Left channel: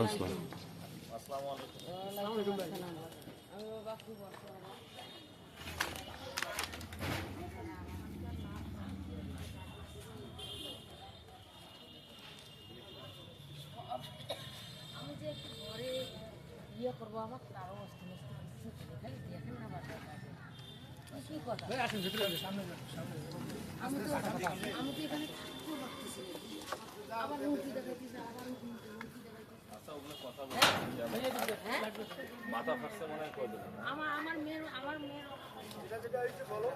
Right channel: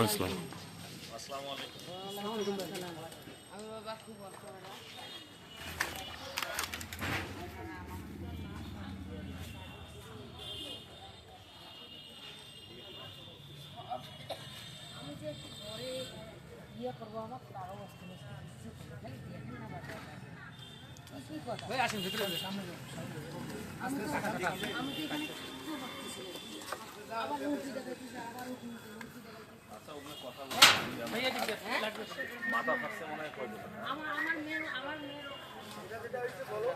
আসসালামু আলাইকুম। আমি যে ঘরে ইয়ে করবো আমার তার অবস্থা দেখেন না বাচ্চা কি কথা আমি তো এখানে আবার উঠি দেখাইতেছি আবার উঠি আচ্ছা ওগুলো কথা মাথা ফাটছে মনে হয় কয়দিন আমার মেয়ের বলো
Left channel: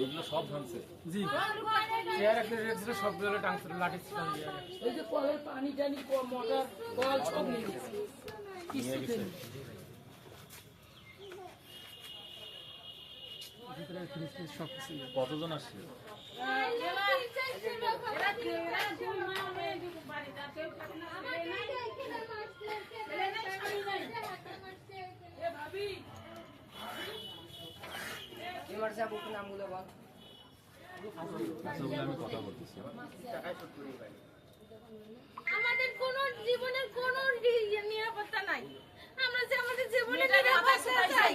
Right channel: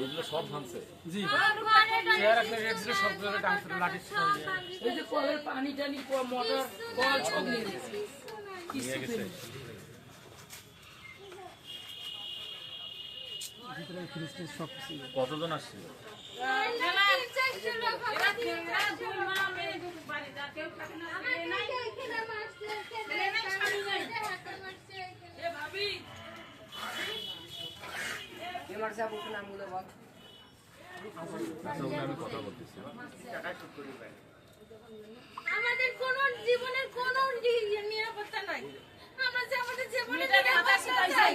এগুলো সব ভাঙছে জি চেয়ার একটা রেখে সব ধরে ডান্স লাঠি এই যে কলের পানি টানি মোটর কল সব নিয়ে গেছে নিয়ে গেছে কতজন আসছে আমি কথা বলতেছি আমাদের কোন জীবনের কোন নিরাপত্তা নাই আমরা যে আমাদের জীবনের নিরাপত্তা চাই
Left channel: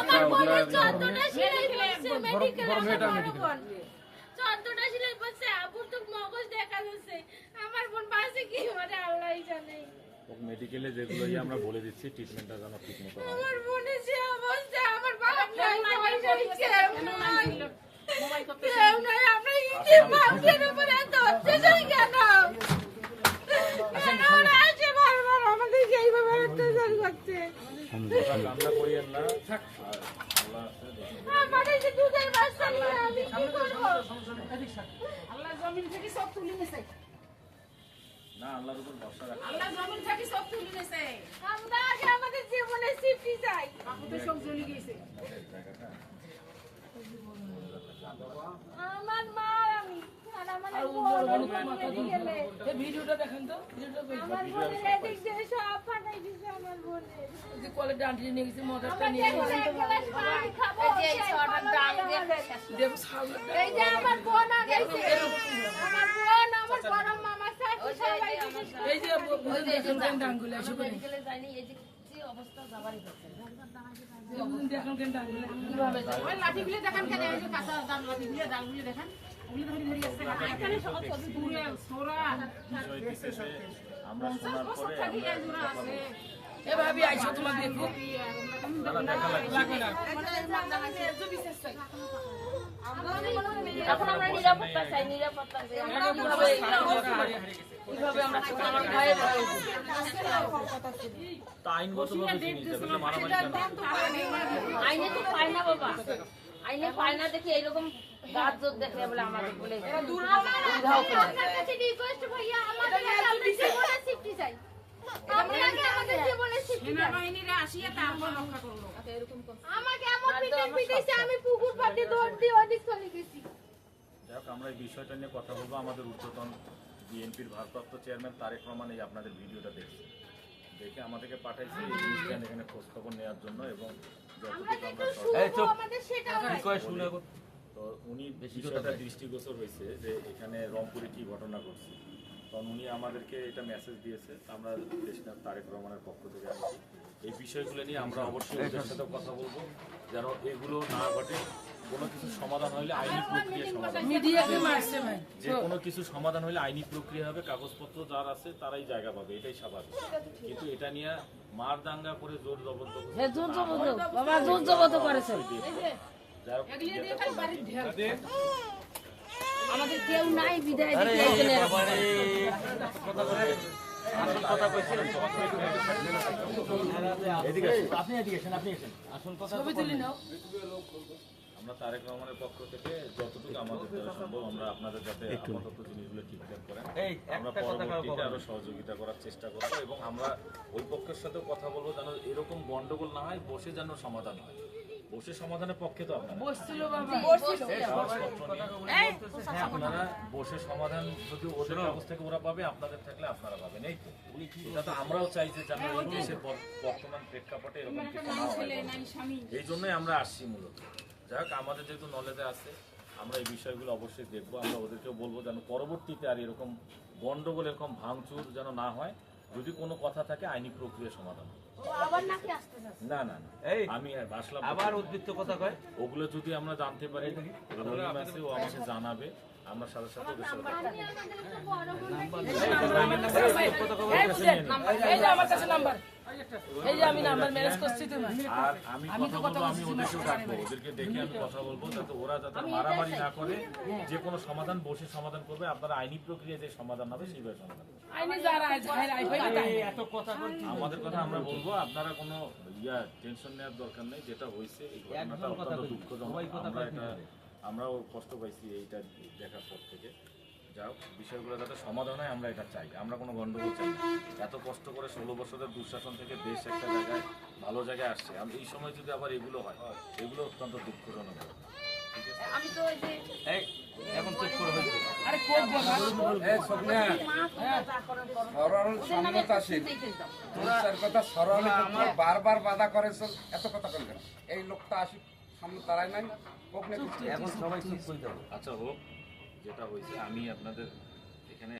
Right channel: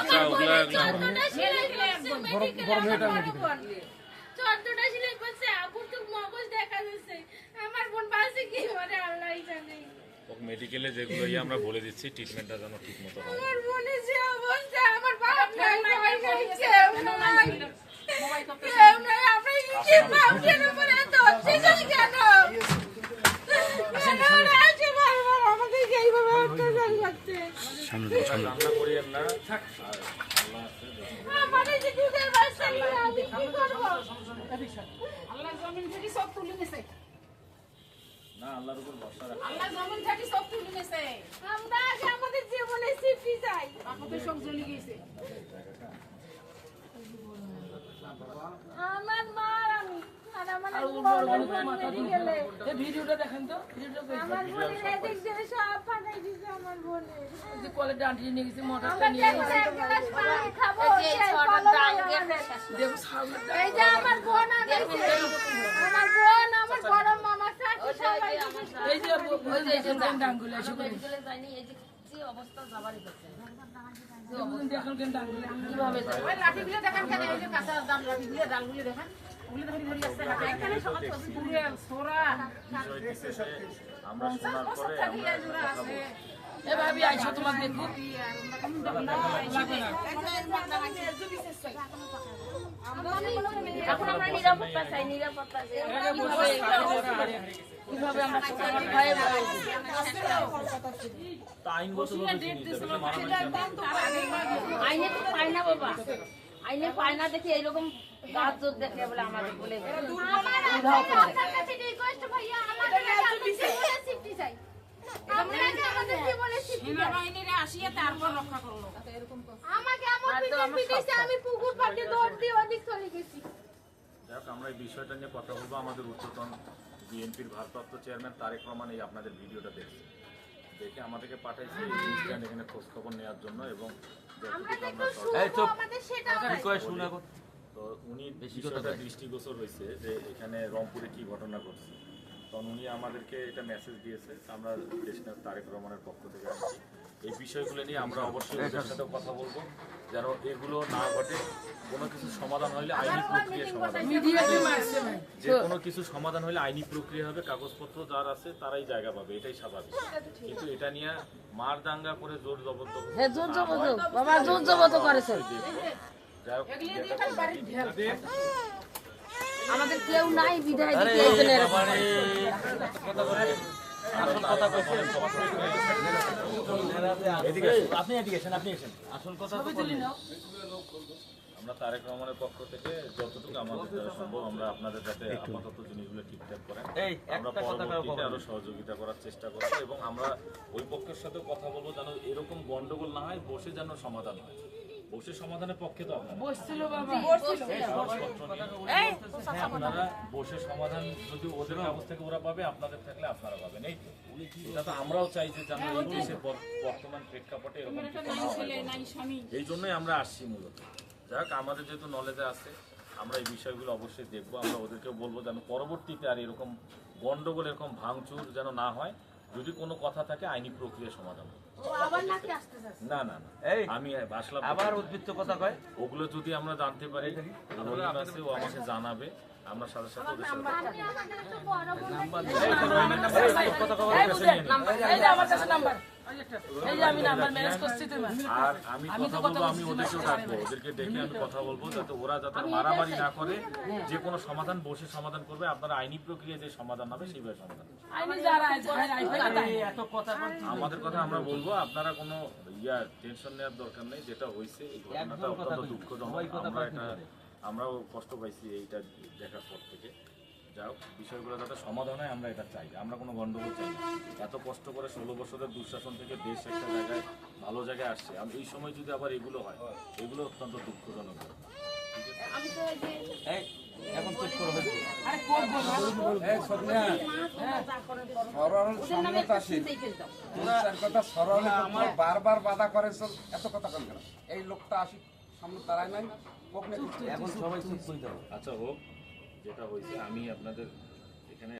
আমার বোনের 14টা সেলাই করছে মেডিকেল 14টা সেলাই করছে আপুর তো মগজ দেখা যাচ্ছে আমার বোন বাসে কি করে আল্লাহই জানে মেডিকেলে যেগুলো আমরা বলে দিচ্ছি ট্রিটমেন্টটা যেন ঠিক মতো হয় আমার বোনের যে অবস্থা আমার বাপ নাই সবাই কইছে কেউ নাই আমরা কি বাপের উপরে এত অত্যাচার কেন রান্না করি আমরা আমাদের যে দুধের বাচ্চা নিয়ে আমি কি করবো আল্লাহ জমিন থেকে সব তুলে নিছে না আল্লাহর উপর ভরসা রাখা আল্লাহ জমিন থেকে সব তুলে নিছে আমরা আগে আমাদের জীবনে সিফটি চাই বাকুবি সব জ্বলে গেছে আমার মা আর আমি আর আমার বোন মেডিকেলে এই ভিডিওটা দেখেন তো ভিডিওটা আমার বোনের এদিক দিয়ে সব ফাটাই দিছে আমার বোনের যে কলের ডান্ডি নিয়ে গেছে মোটরটা আমরা নিয়ে দেখো গেছে এক গ্লাস পানি খাবো এই যে ছটা ডাং দেখে দেখো সামনে এই যে আমার বোন আগে আমার বোন আমার বড় মামা সাথে সবাই এই যে ওই যে ডাঙ্গুলা এসে করে মেডিকেলে যায়নি এই যে কি অবস্থা যাবারই হচ্ছে দেখুন কেন ডাঙ্গুলা কিভাবে যায় ওই লাঠিগুলো দেখেন কেন ওই যে কাঁচা দাম লাঠিগুলো ডালগুলো দেখেন ওগুলো দেখেন ধরে আসছে এখানে সবাই ছবি পুরো সোরা বিষয় বিশেষে আমরা শোনার পরে আমরা কথা বলছি এ ভাবি আইছো তোমার দেখো এখন আমরা নিরাপত্তা চাই নিরাপত্তা কিভাবে আমরা আমার ভয়ে ভয়ে তা আইনগতভাবে কি নিতে হবে মারামারি কেন আইনে তো পায় না বাবা আইনে পায় না দেখি এইরকম গাছ জোর দেখে বলে আমাদের বলে উধাও করে রিকোয়েস্ট ভাইয়া আমাদের জীবনে সিফটি চাই আমরা আগে আমাদের জীবনে সিফটি চাই বাহিনীরা আসিয়া তারপর রক্ষা করলো আমাকে এমন পিটিয়ে দিয়েছে আমি পুকুর পাড়ে দৌড় দিয়ে ওদিক চলে গেছি যাক আমরা এই বিষয়টা নিয়ে কথা বলবো আমাদের উচ্চতন বিএনপির ভারপ্রাপ্ত চেয়ারম্যান তারেক রহমান এই আপনাদের ভিডিওটা দেখছে দেখে আমাদেরকে পাঠাইছে এই জিনিসটা এখানে খোঁজ খবর নেওয়ার জন্য এবং যতটুকু আমরা আমাদের সেটাও নাই তো উনি বিষয়টা দৃষ্টিগোচর হয়েছে যে এখানে রংপুরে কি ঘটনা ঘটছে তখন উনি আমাদেরকে এটা মেসেজ দিয়েছে আমরা দেশনাথ তারেক রহমানের পক্ষ থেকে আসছি এই বিষয়গুলো নিয়ে আমরা অবশ্যই ওদের সাথেও কথা বলবো যেন এগুলো না ঘটে কোনো কিছু সমাধান হলে আইনি প্রক্রিয়া সমাধান যে কোনো কিছু সমাধান হলে আইনি প্রক্রিয়া হবে কাগজপত্র যার আছে তারাই জায়গা পাবে এটাই স্বাভাবিক কিন্তু এটা নিয়ে মার দাঙ্গা করে জোর জবরদস্তি জোর জবরদস্ত বাবা জোর জবরদস্ত করেছে যাই হোক আমাদের কেউ নাই বিদায় দিতে এইজন্য আপনি আসল কথা আমরা তারেক রহমানের পক্ষ থেকে যতটুকু আমাদের দ্বারা সম্ভব আমরা আপনাদের যাতে আপাতত জিনিসগুলো ঠিকঠাক করেন আমরা পরবর্তীতে আরো সহযোগিতা করার চেষ্টা করবো এবং আমরা ওই পক্ষের সাথেও কথা বলবো যেন এরকম গন্ডগোল না হয় বসে যেন সমাধান হয় বসে সমাধানের পক্ষে তো আপনারা আপনারা বসে সমাধান যদি ওদের কাগজ থেকে ওরা পাবে আপনাদের থাকলে আপনারা পাবেন এই তো এটা তো আমরাও চাই যে যেন এই দেশের বর্তমান প্রেক্ষাপটে এরকম কিছু না হয় এই জন্যই আমরা আসছি মূলত যাই হোক আমাদের যেহেতু নলেজে আছে আমরা এই বিষয়গুলো অবশ্যই দেখবো। আমরা ওদেরকেও বলবো যেন পরবর্তীতে আর এরকম গন্ডগোল, এরকম ভাঙচুর যেন না হয়। যদি কোনো কথা থাকে আইনি প্রক্রিয়া সমাধান হবে। ও আবার নাকি আসতে যাচ্ছে। না না না, এই আমি আসলাম আবার উদ্বৃত্ত কথা কয় ওগুলো যদি আমরা জানতে পারি, রহিম আছে, ও আমাকে জানাবে, আমরা সাথে সাথে ওদের সাথে কথা বলবো। আমাদের একটা বড় বোন এই তো রহিমের নাম্বার কথা কবে এই যে আমার কাছে নাম্বার, এই যে আমি নাম্বার ম্যানেজ করছি তুমি। আর আমি কথা বলবো, আমি ওদেরকেও ডাকবো, ওদেরকে ডেকে আমি কথা বলবো যাতে ওরা যাতে মারামারি না করে, যে কোনো সমাধান বসে সমাধান করবে। আপনারা আইনি প্রক্রিয়া যে সমাধান হবে সেইভাবে সমাধান করবে। আইনি যারা এত কথা বলছি আমাদের কথা আমরা বলবো, আপনারা কোনো টেনশন নেওয়ার দরকার নেই। যেটা হয়েছে এই ঘটনাটা অত্যন্ত দুঃখজনক। আমরাও কষ্ট পাইছি এইটা দেখার পর থেকে। যাও, বিষয়গুলো যাতে সমাধান হয় আমরা এটা চাই। আমরা কোনো গন্ডগোল চাই না। এত কষ্ট করে 16 বছরের দুঃশাসন থেকে দেশ একটা জায়গায় ভালো জায়গায় আসছে, আর এই সময় যদি আবার এগুলো হয়, এগুলো অত্যন্ত দুঃখজনক ব্যাপার। ঠিক আছে, আমি তো ওই যে এই এখন চুপ করে হয়েছে আরে করবো না। মা তোমরা যা করেন করো। সরল ওদের নামে সম্মত আছে শুনতেই খেলতাম। তোর কথা সরল বারবার বাধা করেছ, এত কথা কেন? এই লোকটা আসি সামনে তারাই নাই, এখন সবাই চুপ করে দাও। আচ্ছা হোক, যেটা হয়েছে আমি আপনাদের এখানে